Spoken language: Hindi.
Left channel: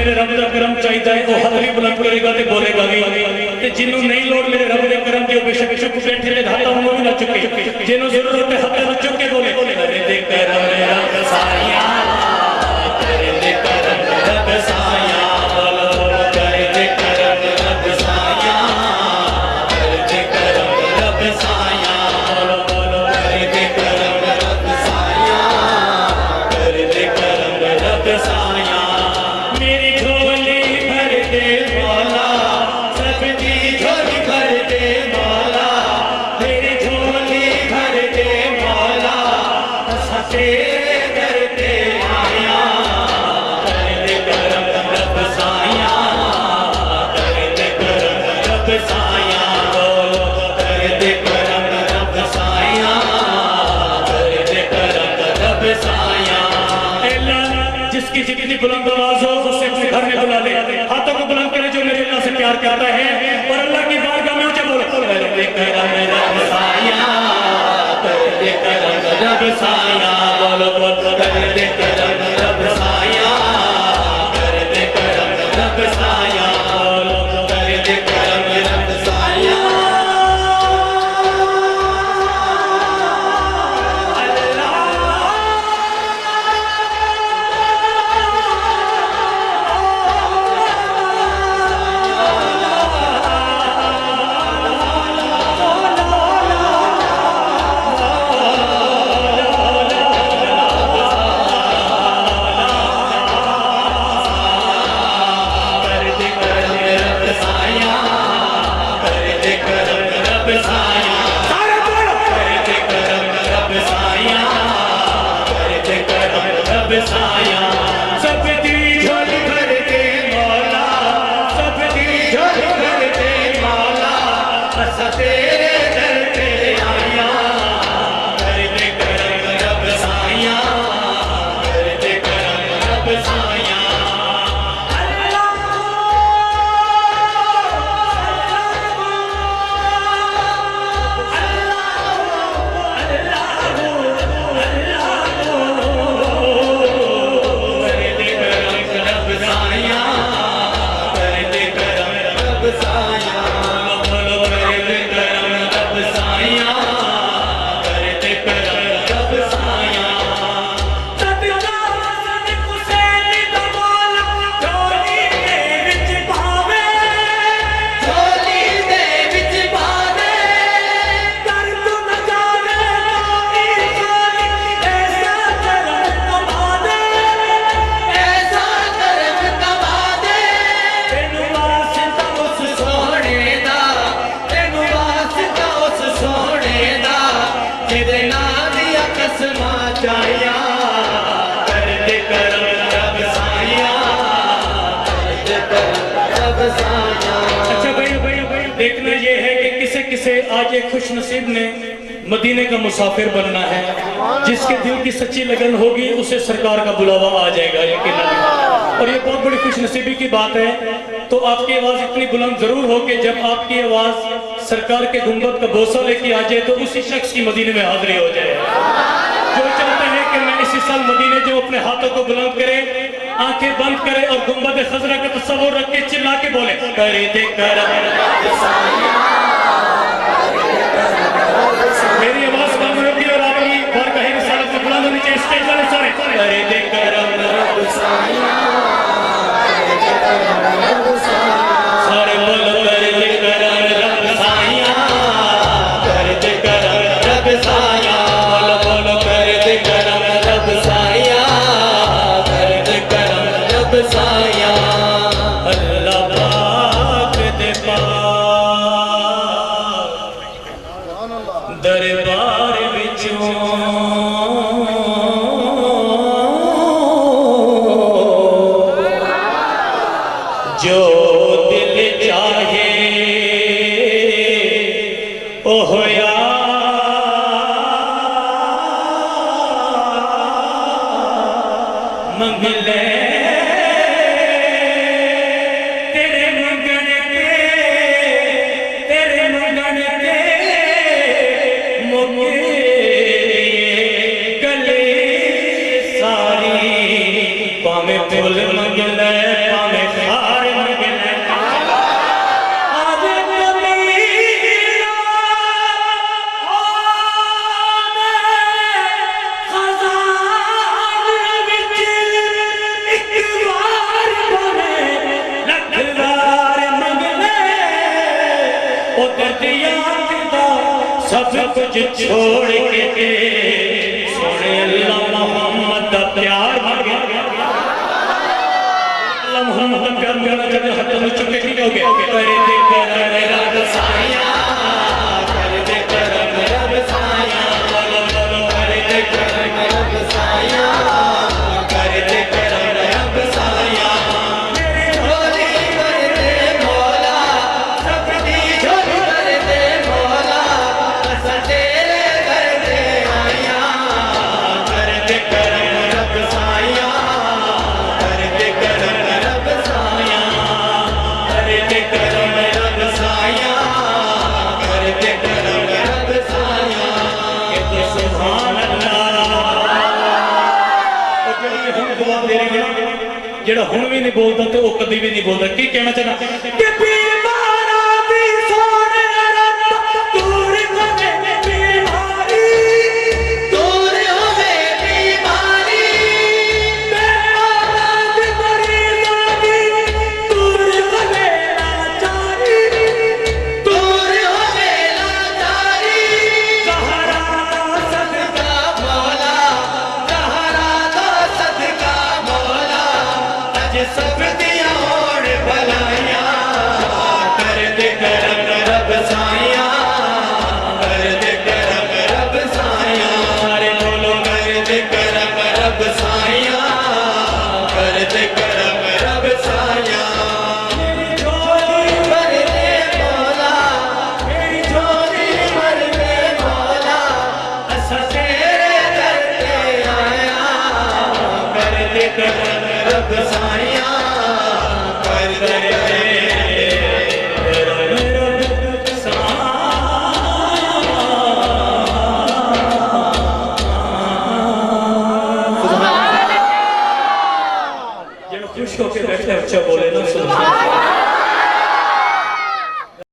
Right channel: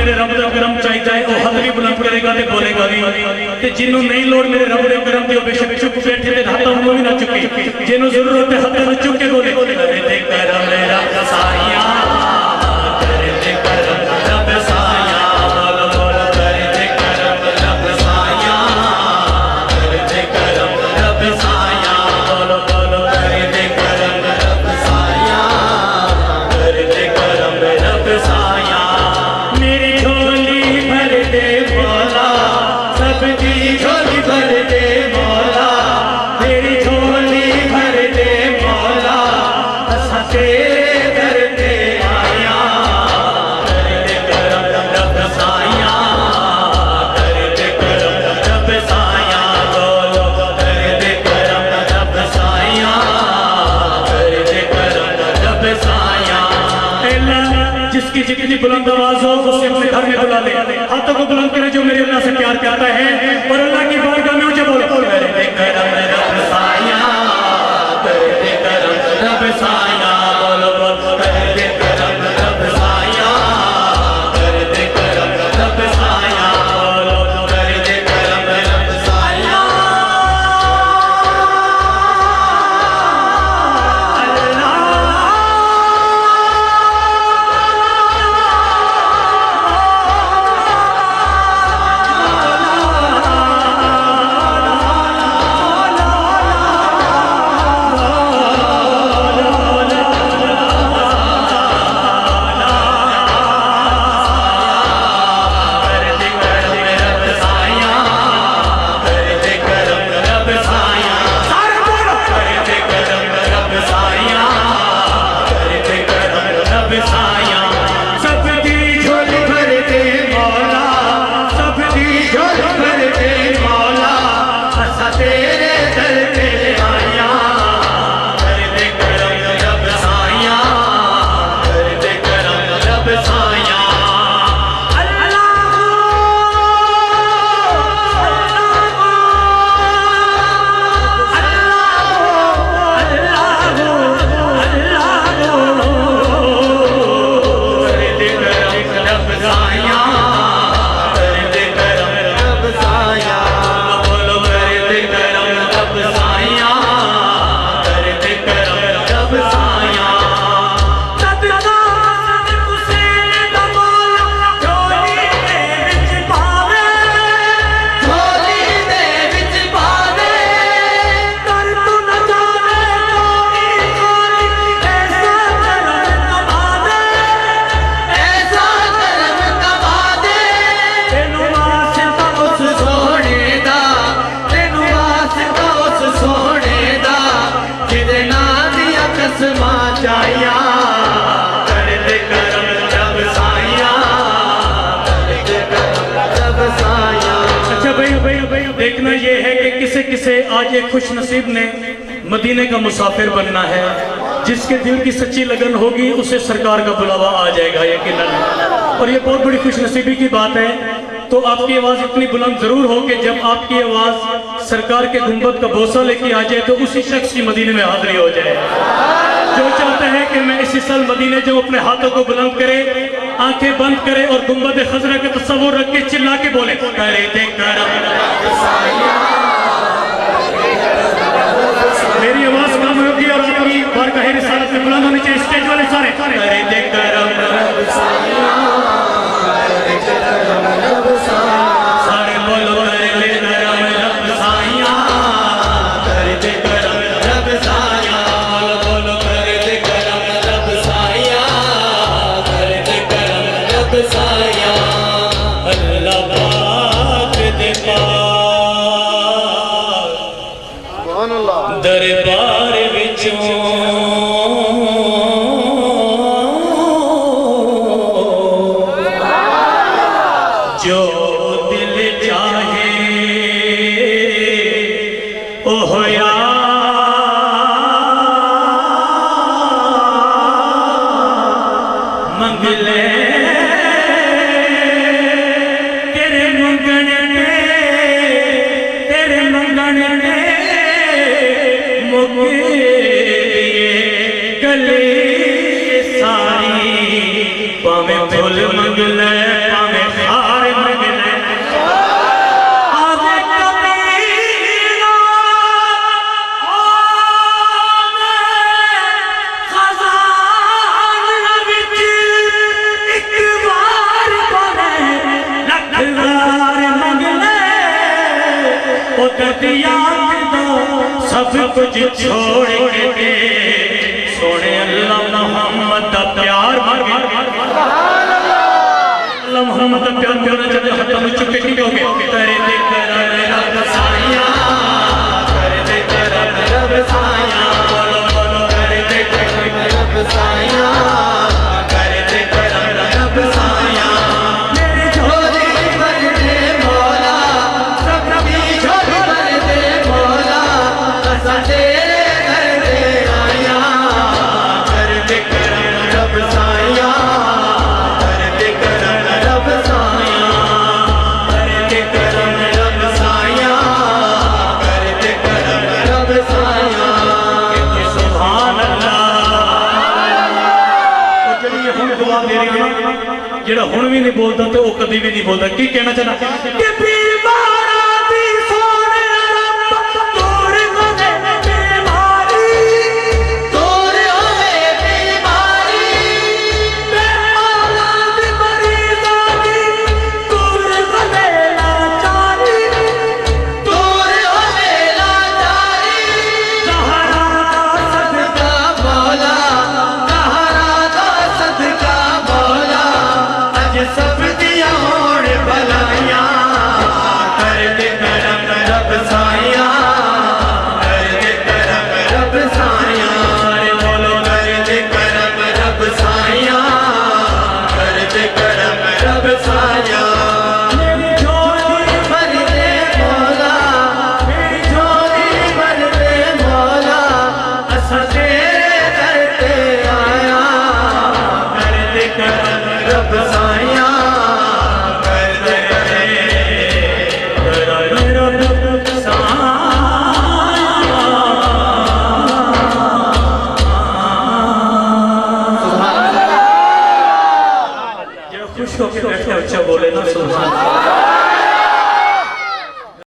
मेरे रब का करम चाहिए है वह हथ भी बुलंद करेगा तो बोलेगा भी जिन्हों नहीं लोड़ मेरे रब का करम की बेशक चुप बैठे ते हाथ उन्होंने भी ना चुके जिन्हों जरूरत है हाथ में चुक के बोले करे ते करम रब साया करे ते करम रब साया करे ते करम रब साया करे ते करम रब साया करे ते करम रब साया करे ते करम रब साया मेरी झोली भर दे मौला सबकी झोली भर दे मौला मेरी झोली भर दे मौला असा तेरे दर पे आया करे ते करम रब साया करे ते करम रब साया बोलो करे ते करम रब साया करे ते करम रब साया जिसकी जितनी बुलंद आवाज हो उसे अपने घर में बुला ले हाथों को बुलंद करे जो मेरे अल्लाह से प्यार करता है और अल्लाह की बारगाह में जो बोले करे ते करम रब साया करे ते करम रब साया बोलो करे ते करम रब साया करे ते करम रब साया बोलो करे ते करम रब साया देखना ये है कि किसे किसे आज एक खुश नसीब ने मदीने का मुसाफिर बनना है जिसके दिल की सच्ची लगन होगी उसे सरकार का बुलावा आ जाएगा यकीनन और ये बहुत बड़ी खुश नसीबी की बात है। तो आपकी आवाज़ इतनी बुलंद ज़रूर हो कि जब आपकी आवाज़ सरकार के गुंबद का बोसा लेके आ जाए तो उसी शख्स की मदीने में हाजिरी हो जाए जो चाहते हैं कि मैं इसी साल मदीने जो अपने हाथों को बुलंद करे आंखें बंद करे और गुंबद खजरा का तस्वुर रख के चिल्ला के बोले करे ते करम रब साया मेरी आवाज कम होगी और आपकी बारगाह रिसालत में बुलंद होनी चाहिए स्टेज वाले सारे करे ते करम रब साया सारे बोलो करे ते करम रब साया करे ते करम रब साया बोलो करे ते करम रब साया करे ते करम रब साया अल्लाह पाक दे पाक दरबार विचों जो दिल चाहे ओह या मंगले तेरे मंगन के मुके गले सारी पावे फुल मंगले पावे सब कुछ छोड़ के सोने अल्लाह मोहम्मद का प्यार मांगे अल्लाह मोहम्मद का प्यार करना चाहते हाथ में चुके की हो गए करे दे कर रब साया करे दे कर रब साया करे दे कर रब साया करे दे कर रब साया मेरी झोली भर दे मौला सबकी झोली भर दे मौला असा तेरे घर दे आया करे दे कर रब साया करे दे कर रब साया करे दे कर रब साया करे दे कर रब साया सुभान अल्लाह ਹੁਣ ਦੁਆ ਮੇਰੀ ਜਿਹੜਾ ਹੁਣ ਵੀ ਨਹੀਂ ਬੋਲਦਾ ਤੇ ਉਹ ਕਦੀ ਵੀ ਨਹੀਂ ਬੋਲਦਾ ਕੀ ਕਹਿਣਾ ਚਾਹਨਾ ਕਿ ਬਿਮਾਰਾਂ ਦੀ ਸੋਹਣੇ ਰੱਬ ਦੂਰ ਹੋਵੇ ਬਿਮਾਰੀ ਦੂਰ ਹੋਵੇ ਬਿਮਾਰੀ ਬਿਮਾਰਾਂ ਦੀ ਮਰੀਜ਼ਾਂ ਦੀ ਦੂਰ ਹੋਵੇ ਲਾਚਾਰੀ ਦੂਰ ਹੋਵੇ ਲਾਚਾਰੀ ਜ਼ਹਰਾ ਦਾ ਸਦਕਾ ਮੌਲਾ ਜ਼ਹरा दा सदका मौला अज सब दिया होण भलाइया कर दे करम रब साया कर दे करम रब साया रे बोलो कर दे करम रब साया कर दे करम रब साया मेरी झोली भर दे मौला मेरी झोली भर दे मौला असा तेरे दर ते आया कर दे करम रब साया